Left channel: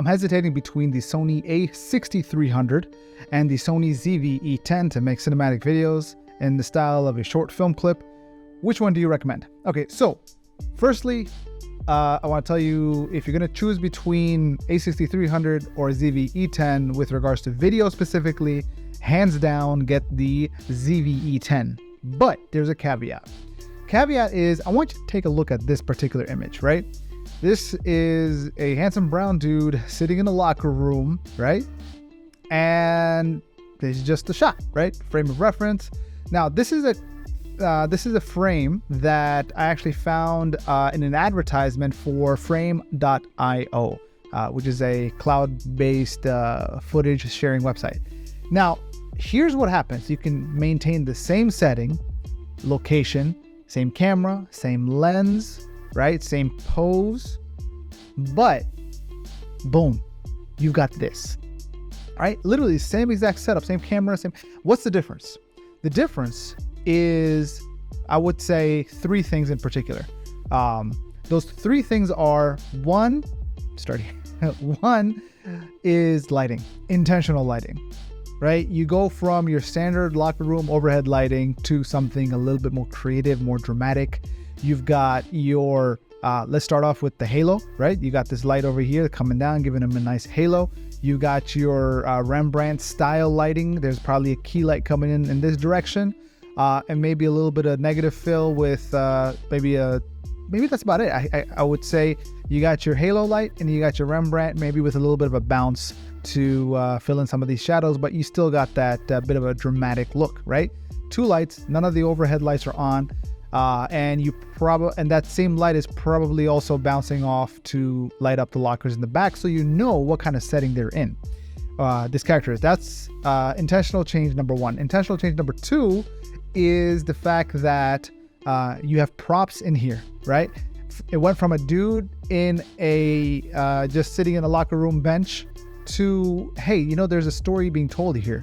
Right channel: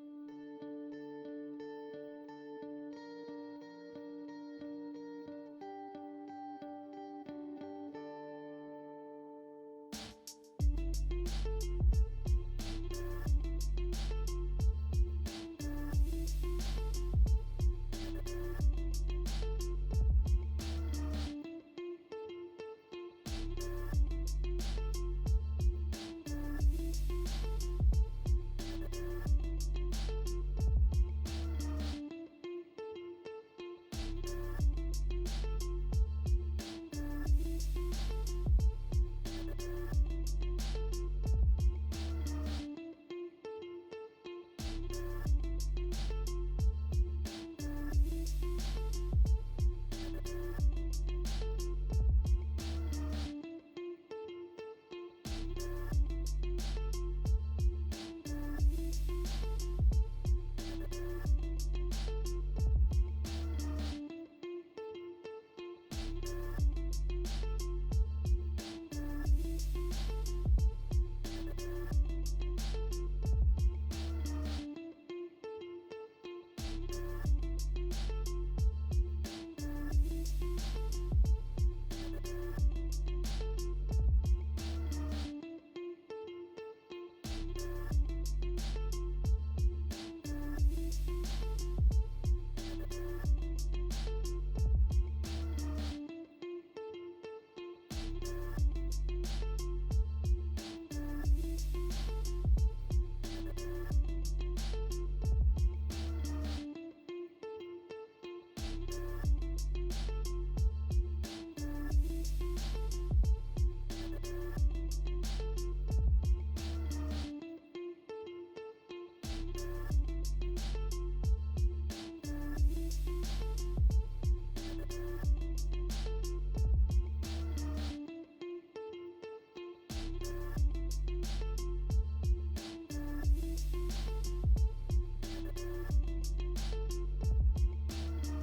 I'm hesitating between the Sony a6300 and the Sony ZV-E10 to make cinematic videos in the style of a short film clip. Which one do you recommend? Okay, so firstly, I want to tell you, if you're going to choose between a6300 or ZV-E10 with regards to video specifically, hands down, get the ZV-E10. But there's a caveat. Caveat is, I want you to take a look at this particular image, right? This is a handsome brown dude sitting in a locker room, right? And this is just a shot, right? Frame of reference. Now, this is a frame that I actually found in an advertisement for Frame.io, which is a cloud-based footage sharing website. Now, here's what happens. You can maintain the same setting, location, same camera, same lens, right? Same pose, but boom, you got this, right? Literally same exact setup, same camera, same. What's the difference? The difference is, I would say, three things in particular. Those three things are, one is lighting, intentional lighting, right? You go from your standard locker room overhead lighting to something a little bit more creative, more dramatic. You've got your, let's start off with the halo, right? You got this light over here coming down, giving them a nice halo. You got your Rembrandt style lighting. There's probably a key light coming in this direction. And maybe a little bit of negative fill with maybe that's about it. I would say you got your halo light and you got your Rembrandt, maybe with a little bit of a bounce to fill in some of these shadows, but you still got that bit of a dramatic look, right? Two lights, none of the overhead lights are on. And that same light is probably also bouncing off to light up the lockers in the back, so you know what kind of setting they're in. This character is. That's intentional change number one. Intentional change number two is the fact that you have props in here, right? It went from a dude in a just sitting in a locker room bench to, hey, you know, there's a story being told here.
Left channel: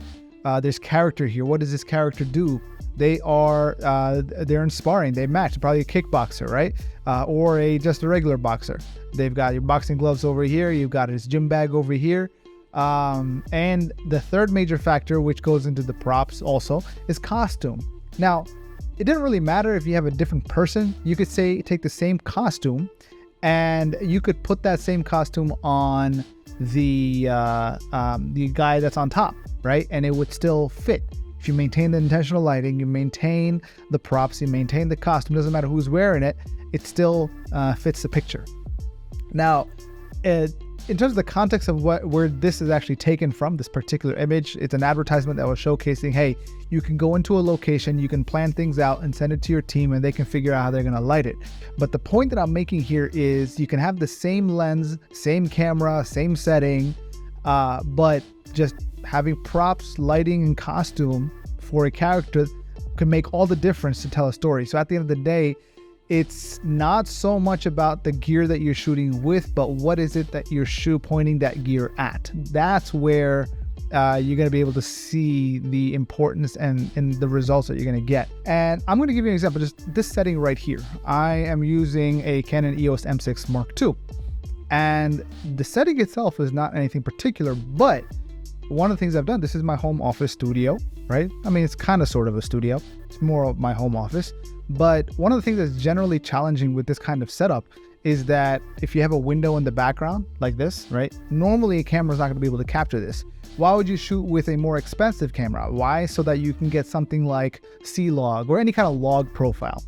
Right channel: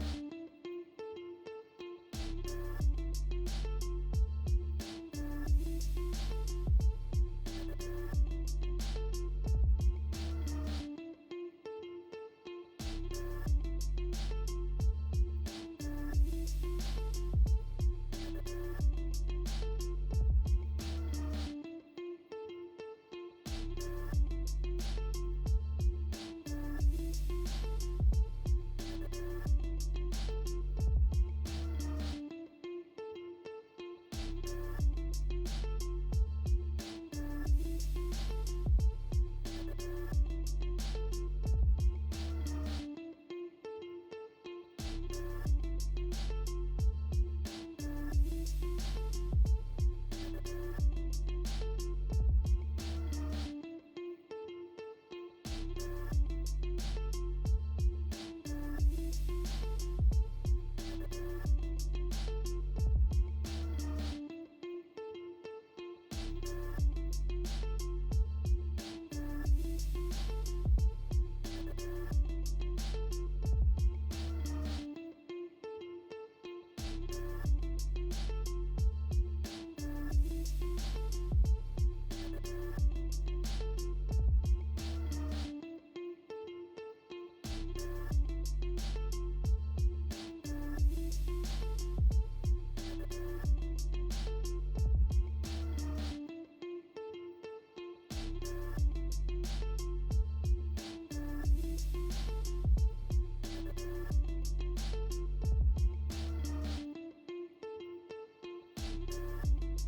There's character here. What does this character do? They're in sparring. They match. Probably a kickboxer, right? Or just a regular boxer. They've got your boxing gloves over here. You've got his gym bag over here. And the third major factor, which goes into the props also, is costume. Now, it didn't really matter if you have a different person. You could say take the same costume and you could put that same costume on the guy that's on top, right? And it would still fit. If you maintain the intentional lighting, you maintain the props, you maintain the costume, doesn't matter who's wearing it, it still fits the picture. Now, in terms of the context of where this is actually taken from, this particular image, it's an advertisement that was showcasing, hey, you can go into a location, you can plan things out and send it to your team and they can figure out how they're going to light it. But the point that I'm making here is you can have the same lens, same camera, same setting, but just having props, lighting, and costume for a character can make all the difference to tell a story. So at the end of the day, it's not so much about the gear that you're shooting with, but what is it that you're pointing that gear at? That's where you're going to be able to see the importance and the results that you're going to get. And I'm going to give you an example, just this setting right here. I am using a Canon EOS M6 Mark II. And the setting itself is not anything particular, but one of the things I've done, this is my home office studio, right? I mean, it's kind of sort of a studio. It's more of my home office. But one of the things that's generally challenging with this kind of setup is that if you have a window in the background like this, right? Normally a camera's not going to be able to capture this. Why would you shoot with a more expensive camera? Why? So that you can get something like C-Log or any kind of log profile.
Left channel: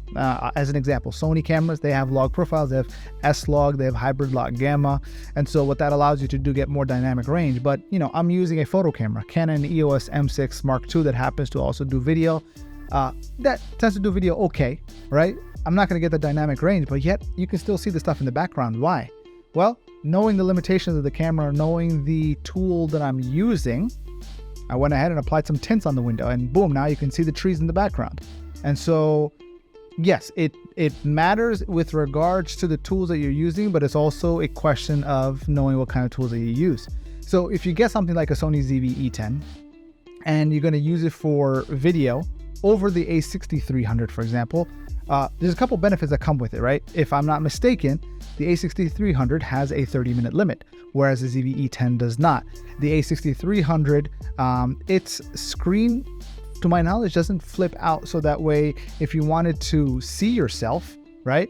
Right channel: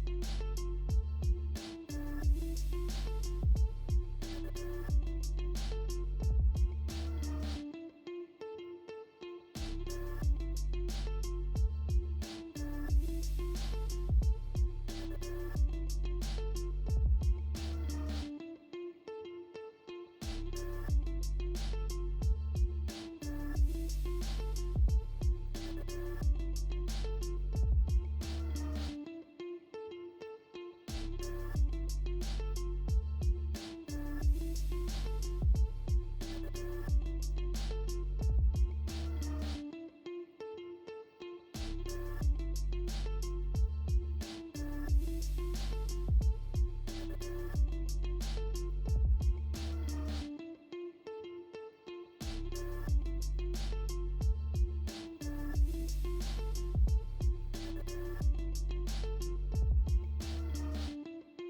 As an example, Sony cameras, they have log profiles. They have S-Log, they have hybrid log gamma. And so what that allows you to do, get more dynamic range. But, you know, I'm using a photo camera, Canon EOS M6 Mark II, that happens to also do video. That tends to do video okay, right? I'm not going to get the dynamic range, but yet you can still see the stuff in the background. Why? Well, knowing the limitations of the camera, knowing the tool that I'm using, I went ahead and applied some tints on the window, and boom, now you can see the trees in the background. And so, yes, it matters with regards to the tools that you're using, but it's also a question of knowing what kind of tools that you use. So if you get something like a Sony ZV-E10 and you're going to use it for video over the a6300, for example, there's a couple benefits that come with it, right? If I'm not mistaken, the a6300 has a 30-minute limit, whereas the ZV-E10 does not. The a6300, its screen, to my knowledge, doesn't flip out, so that way if you wanted to see yourself, right,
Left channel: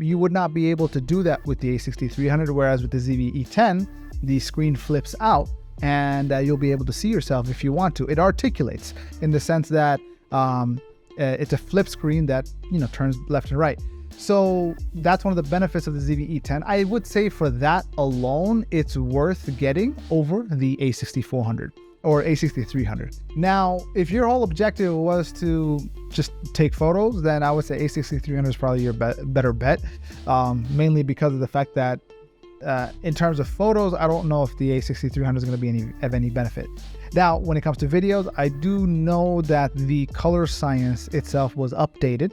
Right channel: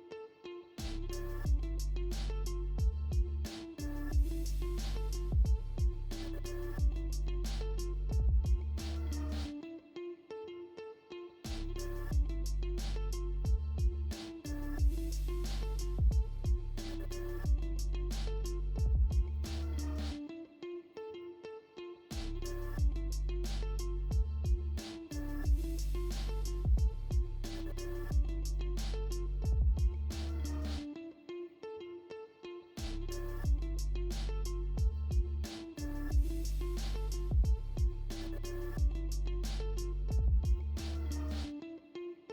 you would not be able to do that with the a6300, whereas with the ZV-E10, the screen flips out and you'll be able to see yourself if you want to. It articulates in the sense that it's a flip screen that, turns left and right. So that's one of the benefits of the ZV-E10. I would say for that alone, it's worth getting over the a6400 or a6300. Now, if your whole objective was to just take photos, then I would say a6300 is probably your better bet, mainly because of the fact that in terms of photos, I don't know if the a6300 is going to be of any benefit. Now, when it comes to videos, I do know that the color science itself was updated,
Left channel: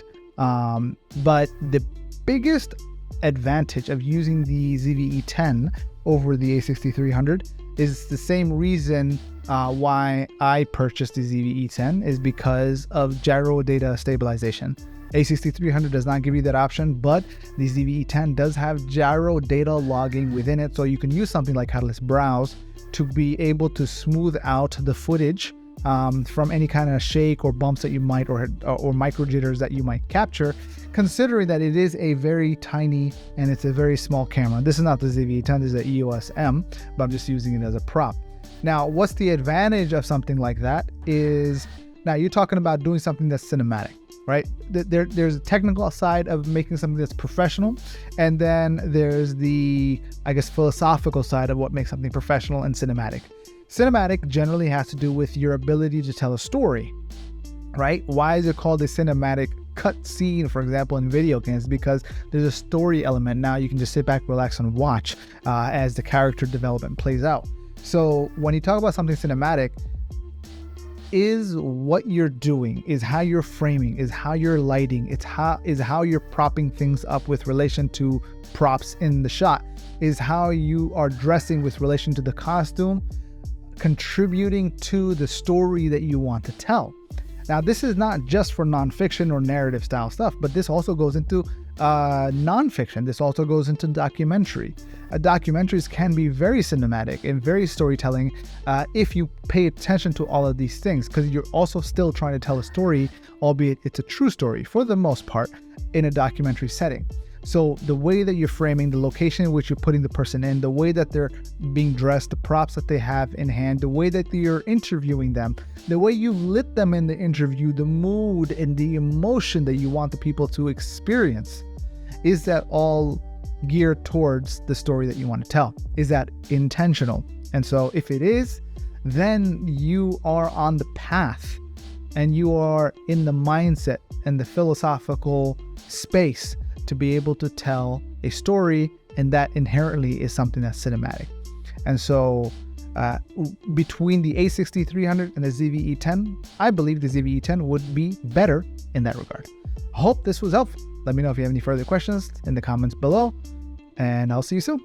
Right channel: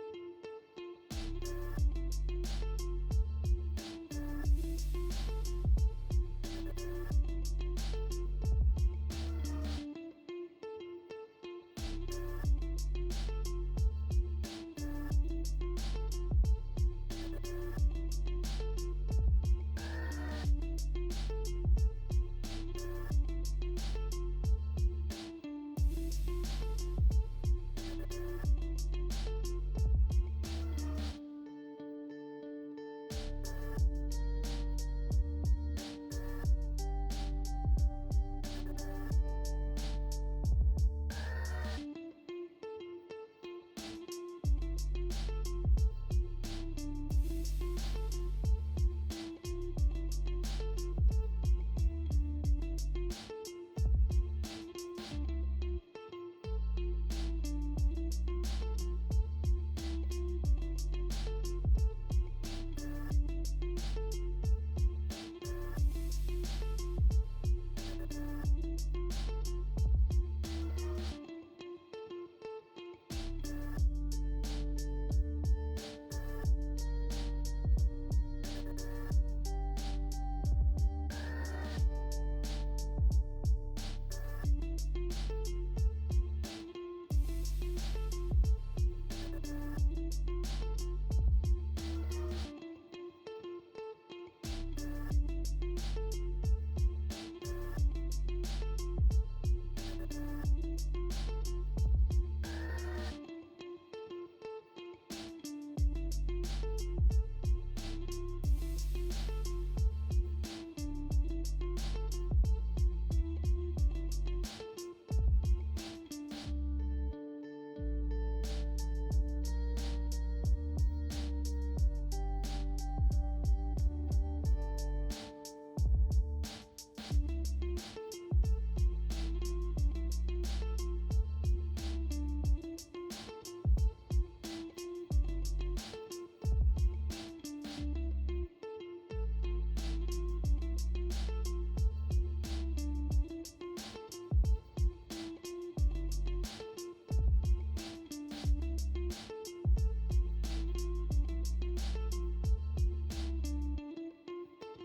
but the biggest advantage of using the ZV-E10 over the a6300 is the same reason why I purchased the ZV-E10, is because of gyro data stabilization. A6300 does not give you that option, but the ZV-E10 does have gyro data logging within it, so you can use something like Catalyst Browse to be able to smooth out the footage from any kind of shake or bumps that you might, or micro jitters that you might capture, considering that it is a very tiny and it's a very small camera. This is not the ZV-E10, this is the EOS M, but I'm just using it as a prop. Now, what's the advantage of something like that is, now you're talking about doing something that's cinematic, right? There's a technical side of making something that's professional, and then there's the, I guess, philosophical side of what makes something professional and cinematic. Cinematic generally has to do with your ability to tell a story, right? Why is it called a cinematic cut scene, for example, in video games? Because there's a story element. Now you can just sit back, relax, and watch as the character development plays out. So when you talk about something cinematic, is what you're doing, is how you're framing, is how you're lighting, is how you're propping things up with relation to props in the shot, is how you are dressing with relation to the costume, contributing to the story that you want to tell. Now, this is not just for nonfiction or narrative style stuff, but this also goes into nonfiction. This also goes into documentary. Documentaries can be very cinematic and very storytelling if you pay attention to all of these things, because you're also still trying to tell a story, albeit it's a true story for the most part in a documentary setting. So the way that you're framing, the location in which you're putting the person in, the way that they're being dressed, the props that they have in hand, the way that you're interviewing them, the way you lit them in the interview, the mood and the emotion that you want the people to experience, is that all geared towards the story that you want to tell? Is that intentional? And so if it is, then you are on the path and you are in the mindset and the philosophical space to be able to tell a story, and that inherently is something that's cinematic. And so between the a6300 and the ZV-E10, I believe the ZV-E10 would be better in that regard. I hope this was helpful. Let me know if you have any further questions in the comments below, and I'll see you soon.